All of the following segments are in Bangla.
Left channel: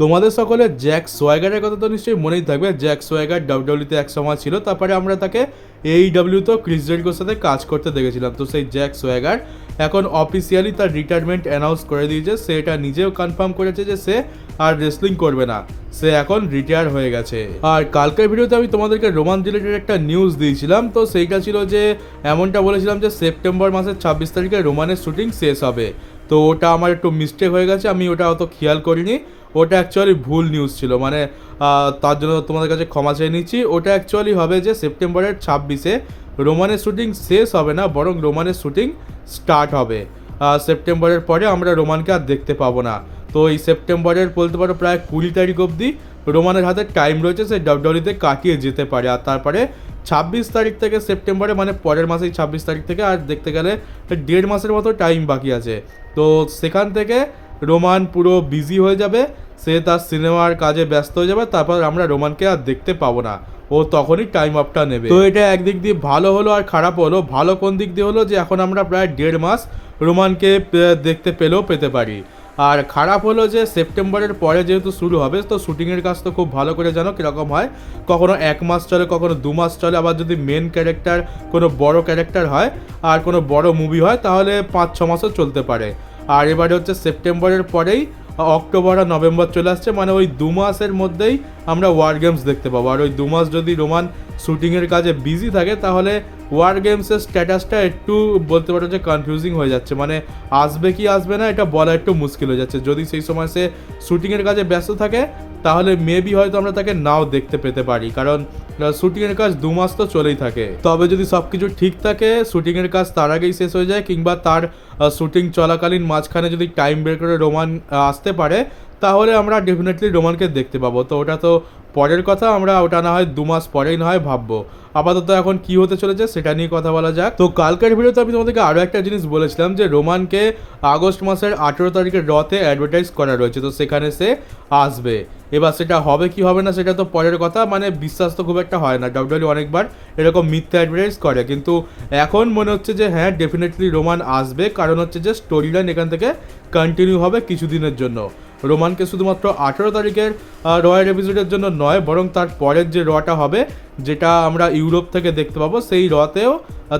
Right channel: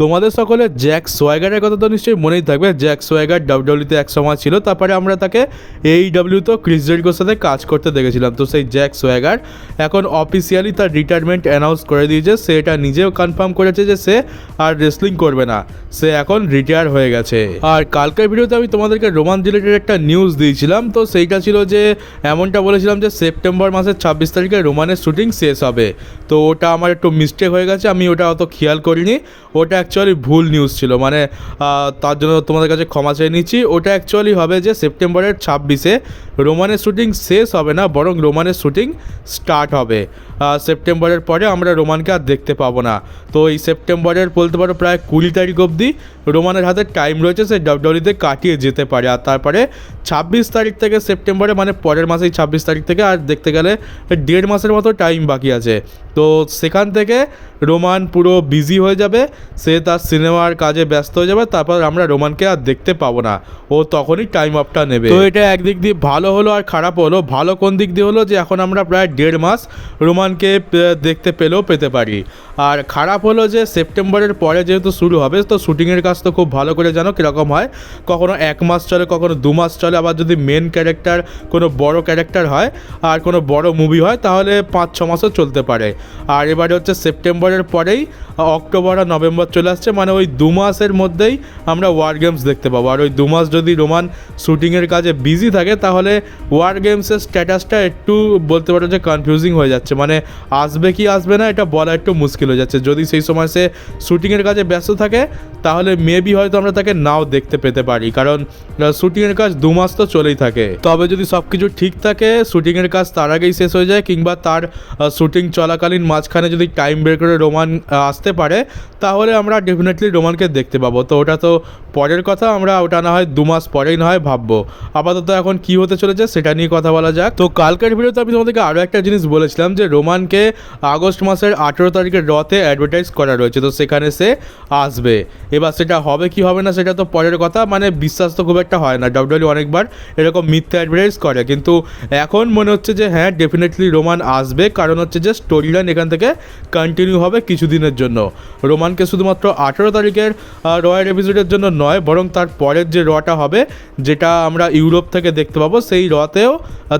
তোমাদের সকলের জ্যাক সোয়াগারের কথা তো নিশ্চয়ই মনেই থাকবে। জ্যাক সোয়াগার ডাব্লিউডব্লিউতে এক সময় ছিল, তারপরে আমরা তাকে এইডব্লিউতে ক্রিস জেরিকোর সাথে কাজ করতে দেখেছিলাম। তো সেই জ্যাক সোয়াগার এখন অফিসিয়ালি তার রিটায়ারমেন্ট অ্যানাউন্স করে দিয়েছে। সে এটা নিজেও কনফার্ম করেছে যে সে আর রেসলিং করবে না, সে এখন রিটায়ার হয়ে গেছে। আর কালকের ভিডিওতে আমি তোমাদেরকে রোমান রিলেটেড একটা নিউজ দিয়েছিলাম। তো সেইটা ছিল যে এমনটা বলেছিলাম যে সেপ্টেম্বর মাসের 26 তারিখে রোমানের শুটিং শেষ হবে। তো ওটা আমার একটু মিস্টেক হয়ে গেছে, আমি ওটা অত খেয়াল করিনি। ওটা অ্যাকচুয়ালি ভুল নিউজ ছিল, মানে তার জন্য তোমাদের কাছে ক্ষমা চেয়ে নিচ্ছি। ওটা অ্যাকচুয়ালি হবে যে সেপ্টেম্বরের 26-এ রোমানের শুটিং শেষ হবে না, বরং রোমানের শুটিং স্টার্ট হবে। সেপ্টেম্বরের পরে আমরা রোমানকে আর দেখতে পাবো না। তো এই সেপ্টেম্বরের বলতে পারো প্রায় 20 তারিখ অবধি রোমানের হাতে টাইম রয়েছে, সে ডাব্লিউডব্লিউতে কাটিয়ে যেতে পারে। আর তারপরে 26 তারিখ থেকে সেপ্টেম্বরে, মানে পরের মাসেই 26 তারিখ থেকে আর দেখতে গেলে 1.5 মাসের মতো টাইম বাকি আছে। তো সেখান থেকে রোমান পুরো বিজি হয়ে যাবে, সে তার সিনেমার কাজে ব্যস্ত হয়ে যাবে। তারপর আমরা রোমানকে আর দেখতে পাবো না, ও তখনই টাইম অফটা নেবে। তো এটা একদিক দিয়ে ভালো হলো আর খারাপ হলো। ভালো কোন দিক দিয়ে হলো যে এখন আমরা প্রায় 1.5 মাস রোমানকে দেখতে পেতে পারি। আর খারাপ হলো যে সেপ্টেম্বরের পরে যেহেতু শুরু হবে, তো শুটিংয়ের কাজ তো খুব ভালো করে জানো কীরকম হয়। কখনো 1 মাস চলে, কখনো 2 মাস চলে। আবার যদি মেন ক্যারেক্টার কোনো বড় ক্যারেক্টার হয় আর কোনো বড় মুভি হয়, তাহলে 5-6 মাসও চলতে পারে। আর এবারে হচ্ছে সেপ্টেম্বরের পরেই অক্টোবর আর নভেম্বর চলে আসছে, মানে ওই 2 মাসের মধ্যেই আমরা ওয়ার গেমস দেখতে পাবো। আর ওই 2 মাস যদি রোমান শুটিংয়ের কাজে বিজি থাকে, তাহলে ওয়ার গেমসের স্ট্যাটাসটা একটু বলতে পারো যে কনফিউজিং হয়ে যাচ্ছে, মানে আসবে কি আসবে না এটা বলা একটু মুশকিল হয়ে যাচ্ছে। যদি সেই সময় সে শুটিংয়ের কাজে ব্যস্ত থাকে, তাহলে মেবি হয়তো আমরা তাকে নাও দেখতে পেতে পারি, কারণ শুটিংয়ের কাজ 2 মাস তো চলেই থাকে। তবে যদি সব কিছু ঠিক থাকে, শুটিংয়ের কাজ তার আগেই শেষ হয়ে যায়, কিংবা তার শুটিং চলাকালীন মাঝখানে যদি টাইম বের করে রোমান আসতে পারে, তাহলে আমরা ডেফিনেটলি রোমানকে দেখতে পাবো। তো ওটা তো পরের কথা, আমরা ওটা না হয় 2 মাস পরেই না হয় ভাববো। আপাতত এখন কি হতে চলেছে সেটা নিয়ে কথা বলা যাক। তো কালকের ভিডিওতে আমি তোমাদেরকে আরও একটা জিনিস বলেছিলাম যে রোমানকে আগস্ট মাসের 18 তারিখের রতে অ্যাডভার্টাইজ করা রয়েছে, তো সেখানে সে আসবে। এবার সেটা হবে কি হবে না সেটা তো পরের কথা, মানে বিশ্বাস তো খুব একটা হয় না। ডাব্লিউডব্লিউ অনেকবার এরকম মিথ্যা অ্যাডভার্টাইজ করে, কিন্তু এখন মনে হচ্ছে যে হ্যাঁ ডেফিনেটলি রোমান আসবে। কারণ হচ্ছে যে স্টোরি লাইন এখান থেকে কন্টিনিউ হবে কিছুদিনের জন্য। রোমানকে শুধুমাত্র 18 তারিখের রয়ের এপিসোডের জন্য নয়, বরং তার পরের যে রটা হবে, যেটা আমরা ইউরোপ থেকে দেখতে পাবো, সেই রতেও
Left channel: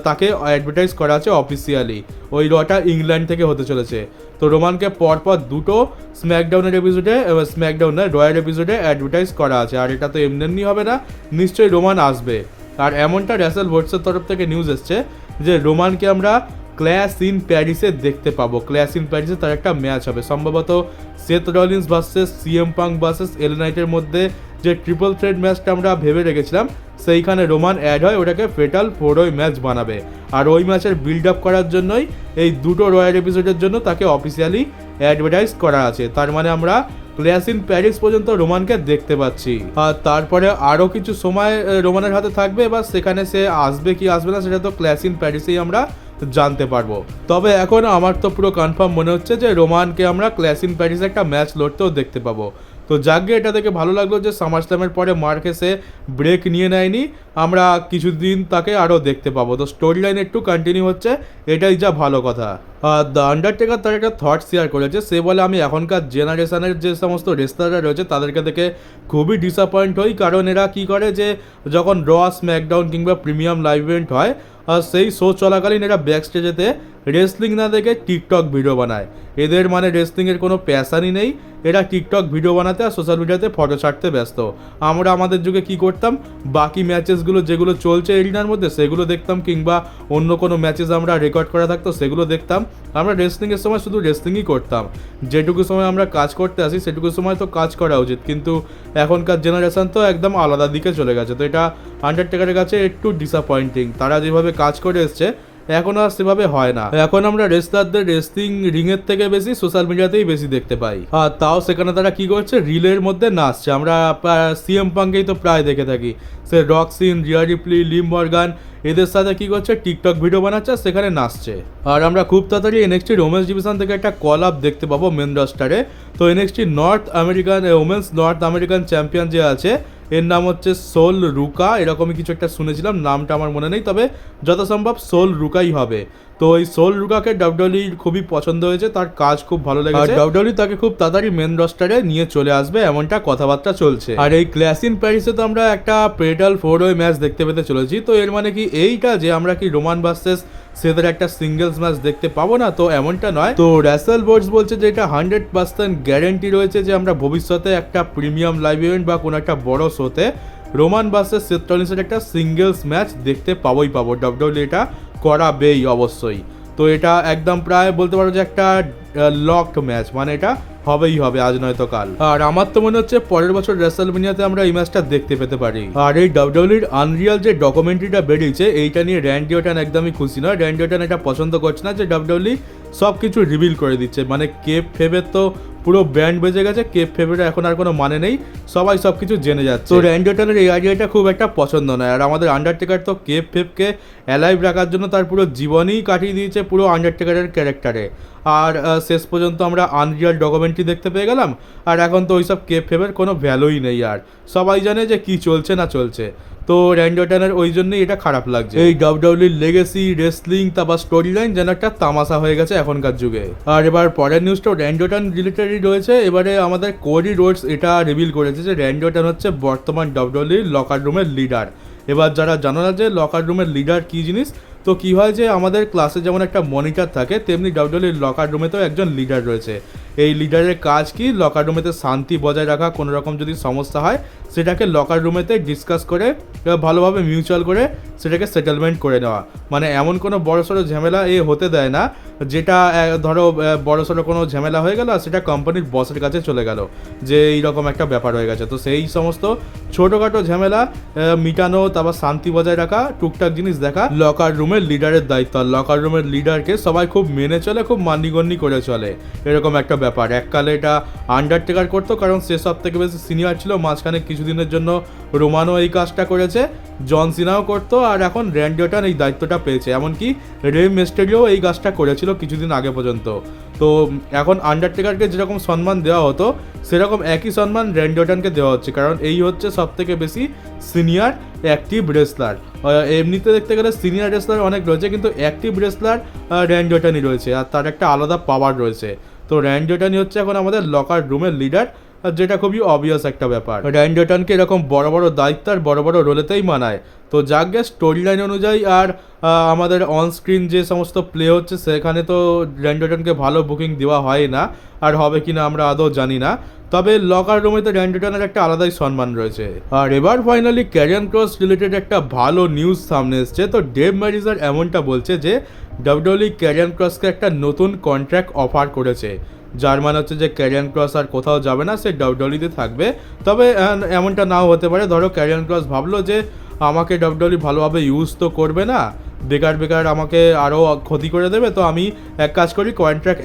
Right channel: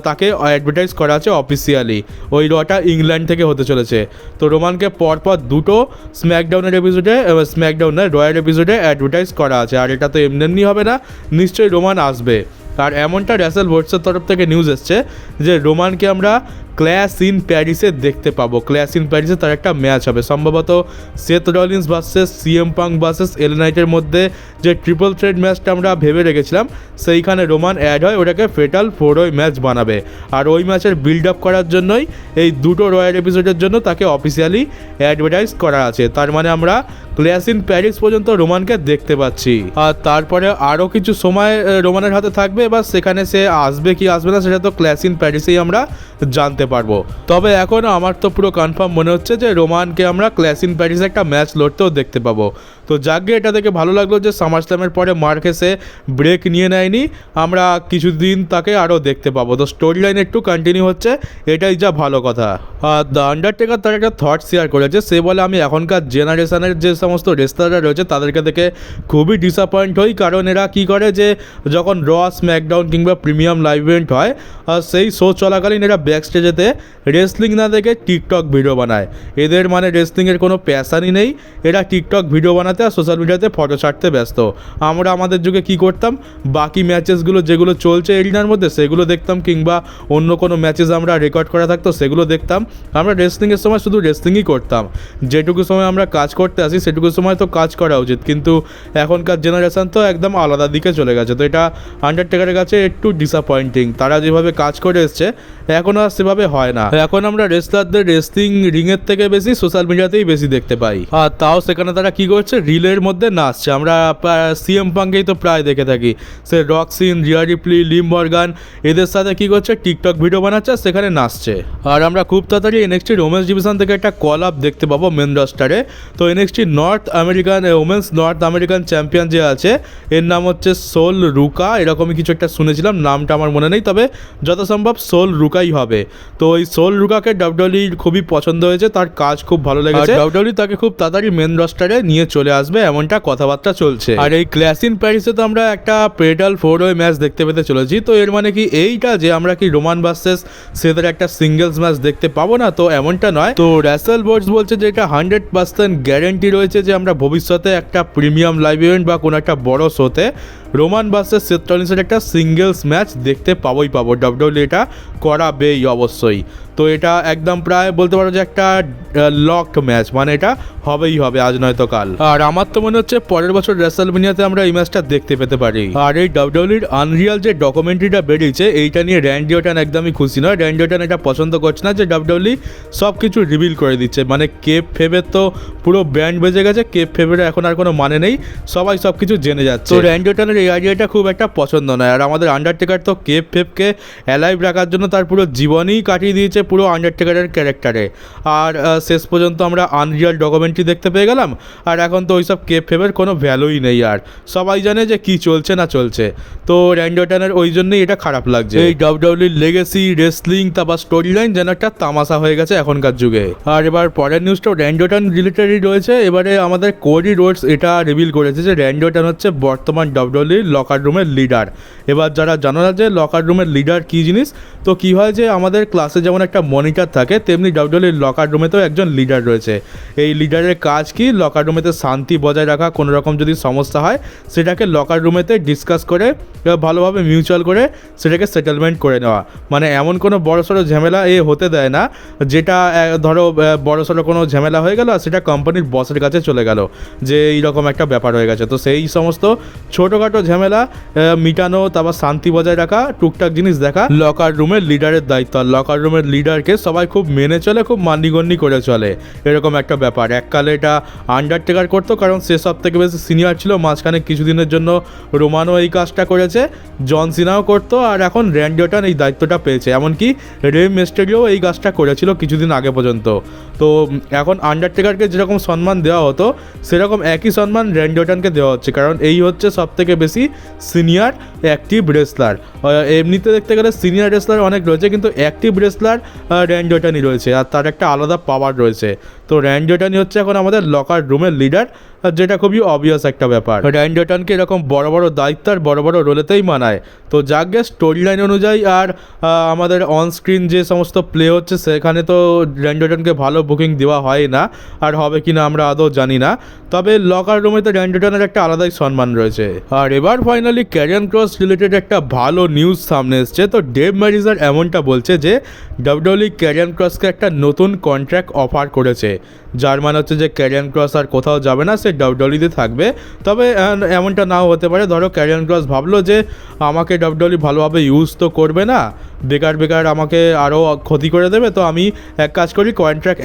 তাকে অ্যাডভার্টাইজ করা আছে অফিসিয়ালি। ওই রটা ইংল্যান্ড থেকে হতে চলেছে। তো রোমানকে পরপর 2টো স্ম্যাকডাউনের এপিসোডে, স্ম্যাকডাউনের রয়ের এপিসোডে অ্যাডভার্টাইজ করা আছে। আর এটা তো এমনি হবে না, নিশ্চয়ই রোমান আসবে। আর এমনটা র্যাসেল ভোটসের তরফ থেকে নিউজ এসছে যে রোমানকে আমরা ক্ল্যাশ ইন প্যারিসে দেখতে পাবো। ক্ল্যাশ ইন প্যারিসে তার একটা ম্যাচ হবে, সম্ভবত Seth Rollins versus CM Punk versus L নাইটের মধ্যে যে ট্রিপল থ্রেট ম্যাচটা আমরা ভেবে রেখেছিলাম, সেইখানে রোমান অ্যাড হয়, ওটাকে ফেটাল 4-ওয়ে ম্যাচ বানাবে। আর ওই ম্যাচের বিল্ড আপ করার জন্যই এই 2টো রয়্যাল এপিসোডের জন্য তাকে অফিসিয়ালি অ্যাডভার্টাইজ করা আছে। তার মানে আমরা ক্ল্যাশ ইন প্যারিস পর্যন্ত রোমানকে দেখতে পাচ্ছি। আর তারপরে আরও কিছু সময় রোমানের হাতে থাকবে, এবার সেখানে সে আসবে কি আসবে না সেটা তো ক্ল্যাশ ইন প্যারিসেই আমরা জানতে পারবো। তবে এখন আমার তো পুরো কনফার্ম মনে হচ্ছে যে রোমানকে আমরা ক্ল্যাশ ইন প্যারিসে একটা ম্যাচ লড়তেও দেখতে পাবো। তো যাকে এটা দেখে ভালো লাগলো যে সামার স্ল্যামের পরে মার্কেসে ব্রেক নিয়ে নেয়নি, আমরা কিছুদিন তাকে আরও দেখতে পাবো। তো স্টোরি লাইন একটু কন্টিনিউ হচ্ছে, এটাই যা ভালো কথা। আর দ্য আন্ডারটেকার তার একটা থট শেয়ার করেছে। সে বলে আমি এখনকার জেনারেশনের যে সমস্ত রেসলাররা রয়েছে তাদেরকে দেখে খুবই ডিসঅ্যাপয়েন্ট হই, কারণ এরা কী করে যে যখন র, স্ম্যাকডাউন কিংবা প্রিমিয়াম লাইভ ইভেন্ট হয়, সেই শো চলাকালীন এরা ব্যাক স্টেজেতে রেসলিং না দেখে টিকটক ভিডিও বানায়। এদের মানে রেসলিংয়ের কোনো প্যাশানই নেই, এরা টিকটক ভিডিও বানাতে আর সোশ্যাল মিডিয়াতে ফটো ছাড়তে ব্যস্ত। আমরা আমাদের যুগে কী করতাম, বাকি ম্যাচেসগুলো যেগুলো চলছে এরিনার মধ্যে সেগুলো দেখতাম, কিংবা অন্য কোনো ম্যাচেস আমরা রেকর্ড করা থাকতো সেগুলো দেখতাম। আমরা রেসলিংয়ের সময় শুধু রেসলিংই করতাম, যেটুকু সময় আমরা কাজ করতে আসি সেটুকু সময় তো কাজ করা উচিত। কিন্তু এখনকার জেনারেশন তো একদম আলাদা দিকে চলে গেছে। তো এটা আন্ডারটেকারের কাছে একটু ডিসঅ্যাপয়েন্টিং। তারা যেভাবে কাজ করে এসছে এখন আর সেভাবে হয় না। এখন আমরা রেসলারদের রেসলিং রিংয়ের থেকে বেশি সোশ্যাল মিডিয়াতেই বেশি দেখতে পাই। আর তাও সেখানে তারা কী করছে, রিলের মধ্যে নাচছে। আমরা সিএম পাঙ্কেই তো প্রায় দেখে থাকি, সে রক্সিন, রিয়া রিপ্লি, লিম মর্গান এদের সাথে কী করছে, টিকটক ভিডিও বানাচ্ছে আর সেখানে নাচছে। আর আমরা খুব তাড়াতাড়ি এনএক্সটি ওমেন্স ডিভিশন থেকে একটা কল আপ দেখতে পাবো মেন রস্টারে। তো NXT north American women's north American champion যে আছে, এর নাম হচ্ছে সোল রুকা, এরকমই কিছু একটা শুনেছিলাম, নামটা আমার মনে নেই, তবে যত সম্ভব সোল রুকা রুকাই হবে। তো এই সোল রুকাকে ডাব্লিউডব্লিউই খুবই পছন্দ হয়েছে, তার কাজ খুব ভালো লেগেছে, ডাব্লিউডব্লিউই তাকে খুব তাড়াতাড়ি মেন রস্টারে নিয়ে চলে আসবে এমনটা কথাবার্তা চলছে। আর এই ক্ল্যাশ ইন প্যারিসে তো আমরা একটা পেটাল 4-way ম্যাচ দেখতে পেতে চলেছি। তো এর মানে কি এইটা যে আমরা কি রোমান ভার্সেস সেথের একটা সিঙ্গেলস ম্যাচ দেখতে পাবো না? তো এমনটা নয়। তো র্যাসেল বোর্ডস বলছে যে এটা 100% গ্যারেন্টি রয়েছে যে আমরা ভবিষ্যতে একটা প্রিমিয়াম লাইভ ইভেন্ট বা কোনো একটা বড় শোতে রোমান ভার্সেস সেথ রলিন্সের একটা সিঙ্গেলস ম্যাচ দেখতে পাবোই পাবো। ডাব্লিউডব্লিউই এটা করাবেই অবশ্যই। তো এটা একদম প্রায় বলতে পারো যে একটা লকড ম্যাচ, মানে এটা হবেই হবে, আজ নয়তো কাল। আর আমার তো মনে হচ্ছে পরের বছর রেসলমেনিয়াতে আমরা এই ম্যাচটা দেখতে পেতে পারি। আর এই ডাব্লিউডব্লিউইর আনরিয়াল যে ডকুমেন্টারিটা বেরিয়েছে এইটা নিয়ে র্যান্ডি অর্টন একদমই খুশি নয়। র্যান্ডি অর্টন এটা পছন্দ করছে না যে ডাব্লিউডব্লিউই সব কিছু রিভিল করে দিচ্ছে। মানে কেপ ফেবের তো পুরো ব্যান্ড বেজে গেছে, কেপ ফেবের এখন আর কোনো মানে নেই, সবাই সব কিছু জেনে যাচ্ছে। তো র্যান্ডি অর্টনের এই আইডিয়াটা খুব একটা পছন্দ নয়। আর আমাদের আন্ডারটেকার তো কেপ ফেবকে অ্যালাইভ রাখার জন্য তার পুরো জীবনই কাটিয়ে দিয়েছে পুরো আন্ডারটেকারের ক্যারেক্টারে। আর শেষ পর্যন্ত আমরা আনরিয়াল ডকুমেন্টারি দেখতে পেয়ে গেলাম। আর এখন তো ওইসব কেপ ফেবের কোনো ভ্যালুই নেই, আর সবাই জানে যে কি চলছে না চলছে। তো র্যান্ডি অর্টনের ওই জন্যই এটা খারাপ লাগছে। এই ডাব্লিউডব্লিউইর লেগেসি রেসলিং তারপর স্টোরি লাইন যেন একটা তামাশা হয়ে গেছে এখনকার যুগে। আর এবার পরের নিউজটাও র্যান্ডি অর্টন রিলেটেডই রয়েছে। এবারে আমাদের কোডি রোডস এটা রিভিল করেছে যে র্যান্ডি অর্টন হচ্ছে বর্তমান ডাব্লিউডব্লিউইর লকার রুমের লিডার। এবার যারা জানো না যে লকার রুমের লিডার কী জিনিস, তো কী হয় যে আমাদের ক্লাসে যেমন একটা মনিটর থাকে তেমনি ডাব্লিউডব্লিউইর লকার রুমেতেও একজন লিডার রয়েছে। এই লিডারের কাজ কি, লকার রুমেতে শান্তি বজায় রাখা, কোনো রকম যদি সমস্যা হয় সেটাকে লকার রুমেতে ডিসকাস করে ভালোভাবে মিউচুয়াল করে সেটাকে সেটেলমেন্ট করে নেওয়া। মানে এমন কোনো বড়সড় ঝামেলা হতে দেয় না যেটা ধরো বড়সড় কোনো ঝামেলা হয়ে গেল আর সেটা কোম্পানির বসের কাছে চলে গেল যে এইরকম একটা ব্যাপার হয়ে গেছে। তো সেই সমস্ত ছোটোখাটো ঝামেলা মিটানো, তারপর শান্তি বজায় রাখা, টুকটাক জিনিস দেখা লকার রুমের লিডারের দায়িত্ব। আর লকার রুমের লিডারকে সবাই খুব মেনে চলে, খুব মান্যগণ্য করে চলে, এরকম একটা ব্যাপার। এককালে এটা আন্ডারটেকার করতো কারণ সে সব থেকে বেশি সিনিয়র ছিল। মাঝখানে কিছুদিনের জন্য রোমানও এই কাজটা করেছে, জন সিনাও করতো, আর এখন র্যান্ডি অর্টন এই দায়িত্বটা পেয়েছে। এমনকি রে মিস্টেরিও এই কাজটা করেছিল কিছুদিন আগে পর্যন্ত। তো এখন আন্ডারটেকারকে যেরকম সম্মান দেওয়া হতো সেরকম একই সম্মান র্যান্ডি অর্টনকে দেওয়া হচ্ছে, কারণ এই হচ্ছে সব থেকে বেশি সিনিয়র অ্যাক্টিভ রেসলার। এমনিতে দেখতে গেলে সিনিয়র রেসলার অনেক রয়েছে, কিন্তু অ্যাক্টিভ রেসলার র্যান্ডি অর্টনই রয়েছে, আর তার একটা আলাদা পাওয়ার রয়েছে। তো র্যান্ডি অর্টনই হচ্ছে এখন আমাদের লকার রুমের লিডার, যেটা খুবই অবভিয়াস একটা ব্যাপার। র্যান্ডি অর্টনকে এরকম বড় বড় দায়িত্ব আর বড় বড় রোলেতেই মানায়। তো যাক গে, স্টোরি লাইন অনুযায়ী আর আমাদের অনস্ক্রিন যে সমস্ত প্লে হচ্ছে সেখানে তো র্যান্ডি অর্টনকে ভালো বুকিং দেওয়া হয় না, আর হবে কি না আমরা আদৌ জানি না। তবে লকার রুমে তো র্যান্ডি অর্টনের একটা আলাদাই সম্মান রয়েছে। আর এবার ফাইনালি ক্যারিয়ান ক্রস রিলেটেড একটা ভালো নিউজ সামনে এসছে। তো ডেভ ম্যারিজার এমনটা বলছে যে ডাব্লিউডব্লিউই ক্যারিয়ান ক্রসকে একটা নতুন কন্ট্রাক্ট অফার করেছে, যার মানে হচ্ছে যে ক্যারিয়ান ক্রস আর কোথাও যাবে না, সে ডাব্লিউডব্লিউইতে থাকবে। তবে এমনটা নাও হতে পারে, ধরো ক্যারিয়ান ক্রস ভাবলো যে আমাকে ডাব্লিউডব্লিউই ভালোভাবে ইউজ তো করবে না, বেকার আমাকে আরও ক্ষতি করে দেবে, তো আমি এক কাজ করি, কন্ট্রাক্ট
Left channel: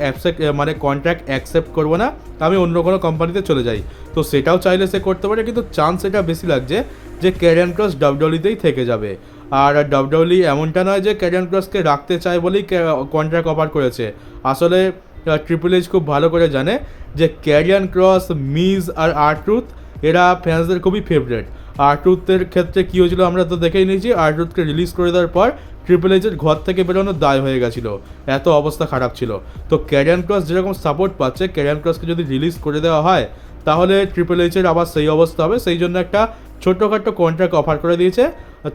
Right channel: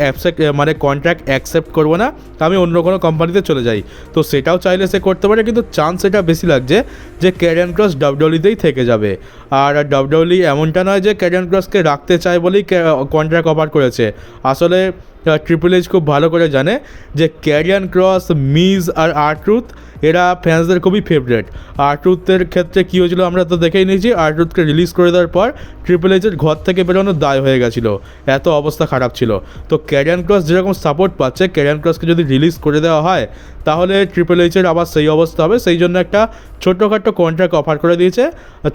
অ্যাকসেপ্ট করবো না, আমি অন্য কোনো কোম্পানিতে চলে যাই। তো সেটাও চাইলে সে করতে পারে, কিন্তু চান্স এটা বেশি লাগছে যে ক্যারিয়ান ক্রস ডাব্লিউডব্লিউইতেই থেকে যাবে। আর ডাব্লিউডব্লিউই এমনটা নয় যে ক্যারিয়ান ক্রসকে রাখতে চায় বলেই কন্ট্রাক্ট অফার করেছে। আসলে ট্রিপল এইচ খুব ভালো করে জানে যে ক্যারিয়ান ক্রস, মিজ আর আর-ট্রুথ এরা ফ্যান্সদের খুবই ফেভারেট। আর-ট্রুথের ক্ষেত্রে কী হয়েছিল আমরা তো দেখেই নিয়েছি, আর-ট্রুথকে রিলিজ করে দেওয়ার পর ট্রিপল এইচের ঘর থেকে বেরোনোর দায় হয়ে গেছিলো, এত অবস্থা খারাপ ছিল। তো ক্যারিয়ান ক্রস যেরকম সাপোর্ট পাচ্ছে, ক্যারিয়ান ক্রসকে যদি রিলিজ করে দেওয়া হয় তাহলে ট্রিপল এইচের আবার সেই অবস্থা হবে। সেই জন্য একটা ছোটোখাটো কন্ট্রাক্ট অফার করে দিয়েছে।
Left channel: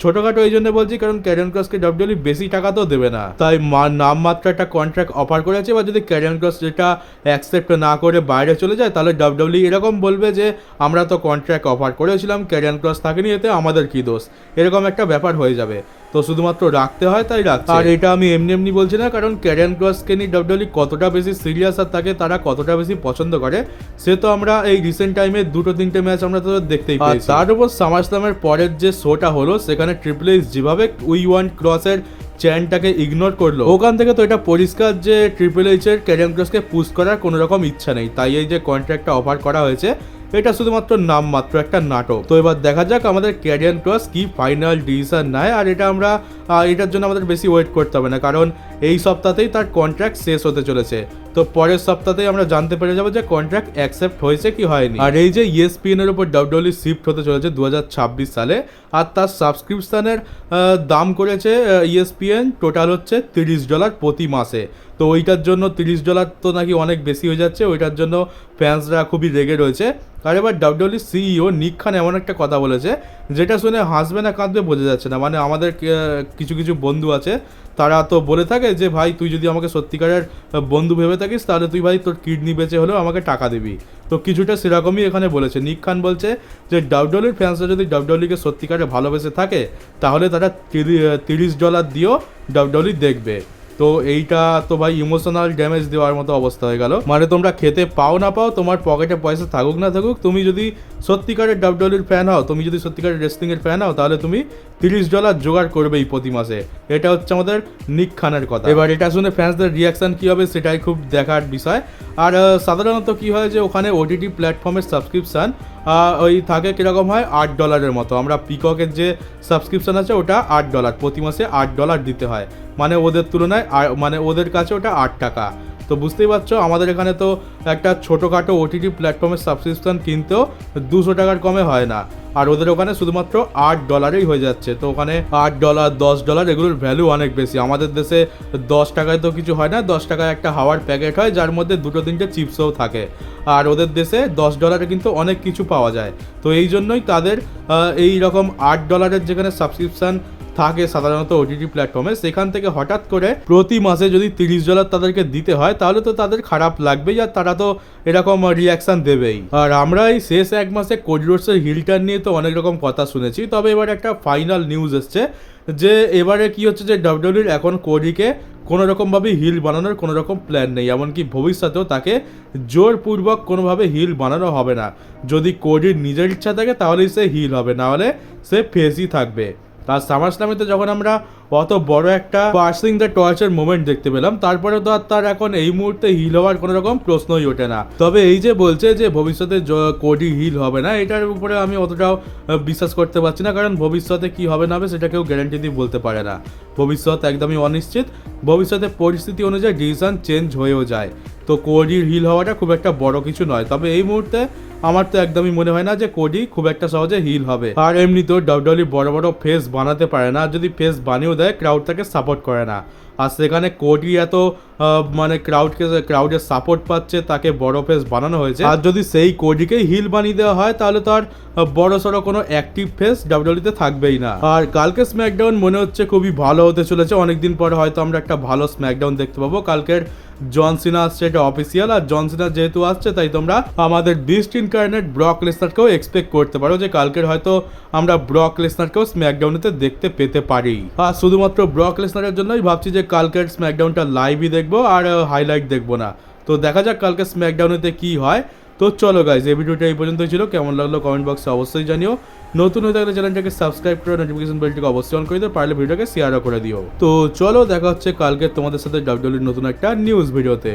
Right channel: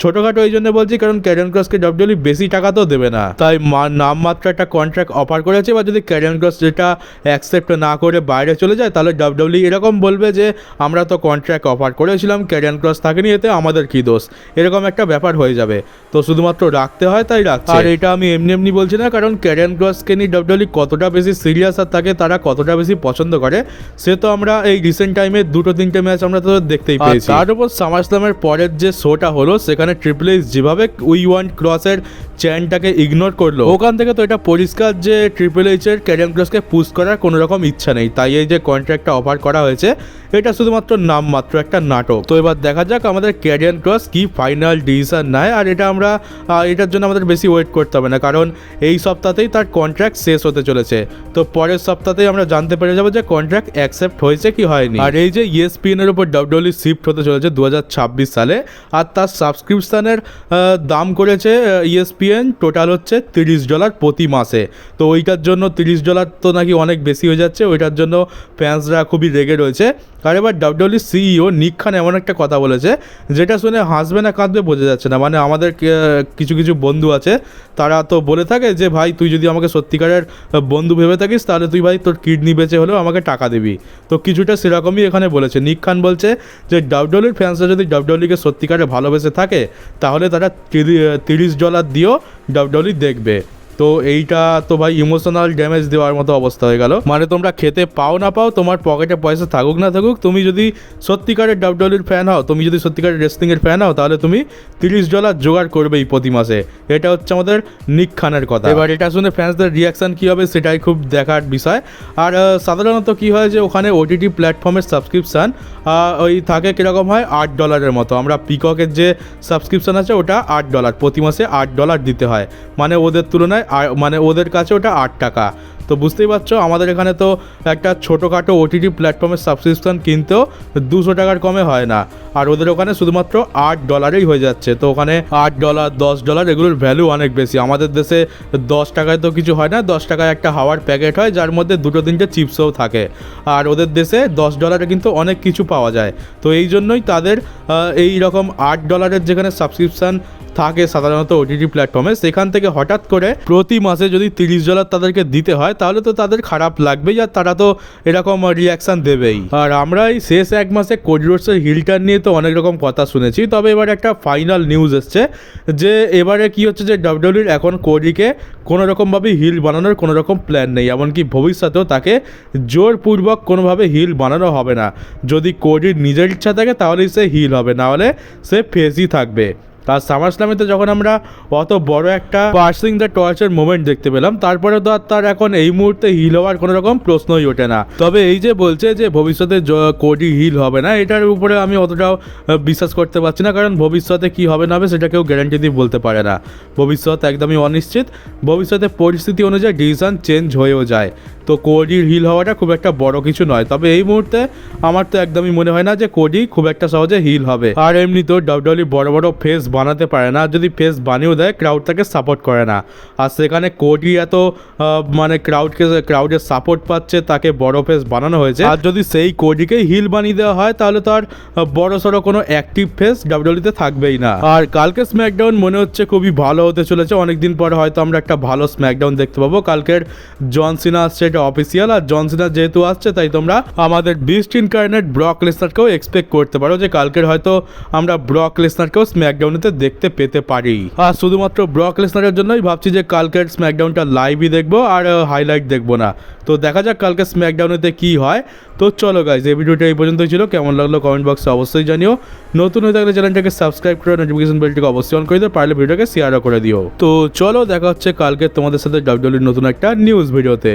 ছোটোখাটো এই জন্য বলছি কারণ ক্যারিয়ান ক্রসকে ডাব্লিউডব্লিউই বেশি টাকা তো দেবে না, তাই নামমাত্র একটা কন্ট্রাক্ট অফার করেছে। বা যদি ক্যারিয়ান ক্রস যেটা অ্যাকসেপ্ট না করে বাইরে চলে যায় তাহলে ডাব্লিউডব্লিউই এরকম বলবে যে আমরা তো কন্ট্রাক্ট অফার করেছিলাম, ক্যারিয়ান ক্রস থাকেনি, এতে আমাদের কী দোষ, এরকম একটা ব্যাপার হয়ে যাবে। তো শুধুমাত্র রাখতে হয় তাই রাখছে। আর এটা আমি এমনি বলছি না, কারণ ক্যারিয়ান ক্রসকে নিয়ে ডাব্লিউডব্লিউই কতটা বেশি সিরিয়াস আর তাকে তারা কতটা বেশি পছন্দ করে সে তো আমরা এই রিসেন্ট টাইমে 2-3টে ম্যাচ আমরা তো দেখতেই পেয়েছি। তার উপর সামারস্ল্যামের পরের যে শোটা হলো সেখানে ট্রিপল এইচ যেভাবে উই ওয়ান্ট ক্রসের চ্যানটাকে ইগনোর করলো, ওখান থেকে তো এটা পরিষ্কার যে ট্রিপল এইচের ক্যারিয়ান ক্রসকে পুশ করার কোনো রকম ইচ্ছা নেই। তাই এই যে কন্ট্রাক্টটা অফার করা হয়েছে এটা শুধুমাত্র নামমাত্র একটা নাটক। তো এবার দেখা যাক আমাদের ক্যারিয়ান ক্রস কি ফাইনাল ডিসিশন নেয়। আর এটা আমরা এটার জন্য আমাদের বেশি ওয়েট করতে হবে না, কারণ এই সপ্তাহতেই তার কন্ট্রাক্ট শেষ হতে চলেছে। তো পরের সপ্তাহতেই আমরা জানতে পেরে যাবো যে কন্ট্রাক্ট অ্যাকসেপ্ট হয়েছে কি হয়নি। আর এই যে ESPN এর উপর ডাব্লিউডব্লিউই শিফট হতে চলেছে 2026 সালে, আর তার সাবস্ক্রিপশনের দাম করেছে ESPN চ্যাম্পিয়ন টোটাল হচ্ছে $30 প্রতি মাসে। তো ওইটার জন্য $30 তো নাকি অনেক বেশি হয়ে যাচ্ছে, ওইটার জন্য ফ্যান্সরা খুবই রেগে রয়েছে। আর এবার ডাব্লিউডব্লিউই সিইও নিক খান এমন একটা কথা বলেছে যেটা শুনে হাসবে না কাঁদবে বোঝা যাচ্ছে না। মানে আমাদের কিছু কিছু বন্ধু আছে তারা তো বলে থাকে যে ভাই তুই যদি আমাকে সত্যিকারের বন্ধু ভেবে থাকিস তাহলে তুই ভাই তোর কিডনি বেচে হলেও আমাকে টাকা দিবি। তো কিছুটা সেরকমই এখানে বলেছে। নিক খান বলছে যে ডাব্লিউডব্লিউইর ফ্যান্সরা যদি ডাব্লিউডব্লিউইকে সত্যিকারে ভালোবেসে থাকে তাহলে তারা $30 দিয়েও ডাব্লিউডব্লিউই দেখবে। তো এইটা তো ভাই ইমোশনাল ড্যামেজ দেওয়ার মতো অবস্থা হয়ে গেল। মানে তোমরা খেতে পাও না পাও, তোমার পকেটে পয়সা থাকুক না থাকুক, তুমি যদি সত্যিকারের ডাব্লিউডব্লিউইর ফ্যান হও, তুমি যদি সত্যিকারের রেসলিংয়ের ফ্যান হও, তাহলে তুমি $30 জোগাড় করবেই প্রতি মাসে। এটা হচ্ছে আমাদের নিক খানের কথা। এবার এটা শুনে ফ্যান্সদের রিয়াকশান কী হবে সেটাই খুব দেখার বিষয়। আর সাধারণত কী হয় যে ওখানে ওটিটি প্ল্যাটফর্মের সাবস্ক্রিপশান ওই থাকে কীরকম হয় $8 মতো। আমরা পিককের যে সাবস্ক্রিপশান আছে ওটা $8 প্রতি মাসে $8 দিতে হয়। মানে ওদের তুলনায় মানে ওদের কাছে ওটা $8। তো বুঝতেই পারছো আমাদের এখানে তো একটা ছোটোখাটো ওটিটি প্ল্যাটফর্মের সাবস্ক্রিপশান কিনতেও $200 কমে হয় না, আর ওদের ওখানে শুধুমাত্র $8 হয়ে যাচ্ছে। তো ওখানে $8 $10 এগুলোর ভ্যালু অনেক বেশি। আমাদের দেশে $10 তো কিছু হয় না, $10 একটা হাওয়ার প্যাকেট হয় যার মধ্যে 2-3টে চিপসও থাকে, আর ওদের দেশে $10 কিন্তু অনেক কিছু পাওয়া যায়। তো এই জন্যই তাদের এই রকম $8 যেখানে সাবস্ক্রিপশান থাকে সাধারণত ওটিটি প্ল্যাটফর্মে, সেখান থেকে হঠাৎ করে প্রতি মাসে যদি $30 তাদেরকে দিতে হয় তাহলে তো তাদের খারাপ লাগবেই, আর তারা তো এরকম রিয়াকশান দেবেই। আর আমরা এই শেষ এক মাসে কোডি রোডসের হিলটার নিয়ে তো অনেক রকম কথা শুনেছি, তবে এবার একটা ফাইনাল নিউজ এসছে যে এবারে কি হচ্ছে যে ডাব্লিউডব্লিউইর এখন কোডিকে কোনো রকমভাবে হিল বানানোর কোনো রকম প্ল্যান নেই, এমনকি ভবিষ্যতেও তাকে জোরপূর্বক কোনোভাবে হিল বানানো হবে না। যদি কোডির নিজের ইচ্ছা থাকে তাহলেই সে হিল হবে, না হলে সে ফেসই থাকবে। তার সামারস্ল্যামেতে যখন আমরা অত বড় একটা পার্সিং দ্য টর্চের মোমেন্ট দেখতে পেলাম, তারপরে তো আর তার এখন এই মুহূর্তে হিল হওয়ার কোনো রকম প্রশ্নই ওঠে না। তবে এই যে বলছে যে ভবিষ্যতে কোডি হিল হবে না, এটার উপরে আমি অতটাও বিশ্বাস করতে পারছি না, কারণ ভবিষ্যতে কি হবে না হবে সেটা কেউ গ্যারান্টি দিয়ে বলতে পারে না। ভবিষ্যৎ একদমই অনিশ্চিত, ভবিষ্যতে পরিস্থিতি অনুযায়ী ডিসিশন চেঞ্জ হয়েও যায়। তো কোডির হিল হওয়াটা খুব একটা বড় কিছু নয়, তবে এই মুহূর্তে আমার তো একদমই মনে হয় না যে কোডি খুব একটা সহজে হিল হবে। আর এমনিতেও ডাব্লিউডব্লিউই বড় বড় ফেস বানাতে পারে না, যদি ফেস বানিয়েও দেয় ক্রাউড তাকে সাপোর্ট করে না। আর সেখানে কোডি এত মানে ক্রাউডের সাপোর্ট পাচ্ছে, তাকে বড় ফেস বানানো হয়েছে। আর যদি সেই কোডিকেই হিল বানিয়ে দেওয়া হয় তাহলে তো আর বড় সড়ো কোনো অ্যাক্টিভ ফেস ডাব্লিউডব্লিউইতে থাকবেই না। আর কালকে স্ম্যাকডাউন মনে হচ্ছে খুবই ভালো হতে চলেছে। অনেকদিন পর হয়তো আমরা একটা ভালো স্ম্যাকডাউন দেখতে পাবো। কালকের জন সিনা আসছে, এটা অফিসিয়াল, আর জন সিনা যেহেতু আসছে তাই তোমরা আমাদের বিস্ট ইনকার্নেট ব্রক লেসনারকেও এক্সপেক্ট করতে পারো যে কালকের হয়তো আমরা ব্রক লেসনারকেও স্ম্যাকডাউনেতে দেখতে পেতে পারি। আর শুধুমাত্র ব্রক লেসনারের জন্যই ভাবছি যে কালকের স্ম্যাকডাউনটা লাইভই দেখবো আর হাইলাইট দেখবো না। তো দেখা যাক কালকে স্ম্যাকডাউনেতে কি হয়। তো চলো গাইজ, এই ভিডিওটা এই পর্যন্তই ছিল। কেমন লাগলো কমেন্ট বক্সে অবশ্যই জানিও। নতুন হয়ে থাকলে চ্যানেলটাকে সাবস্ক্রাইব করে নোটিফিকেশন বেলটিকে অবশ্যই অন করে দিও, পারলে ভিডিওটাকে শেয়ারও করে দিও। তো চলো দেখা হচ্ছে কালকে তোমাদের সাথে ডাব্লিউডব্লিউইর নতুন একটা নিউজ ভিডিওতে।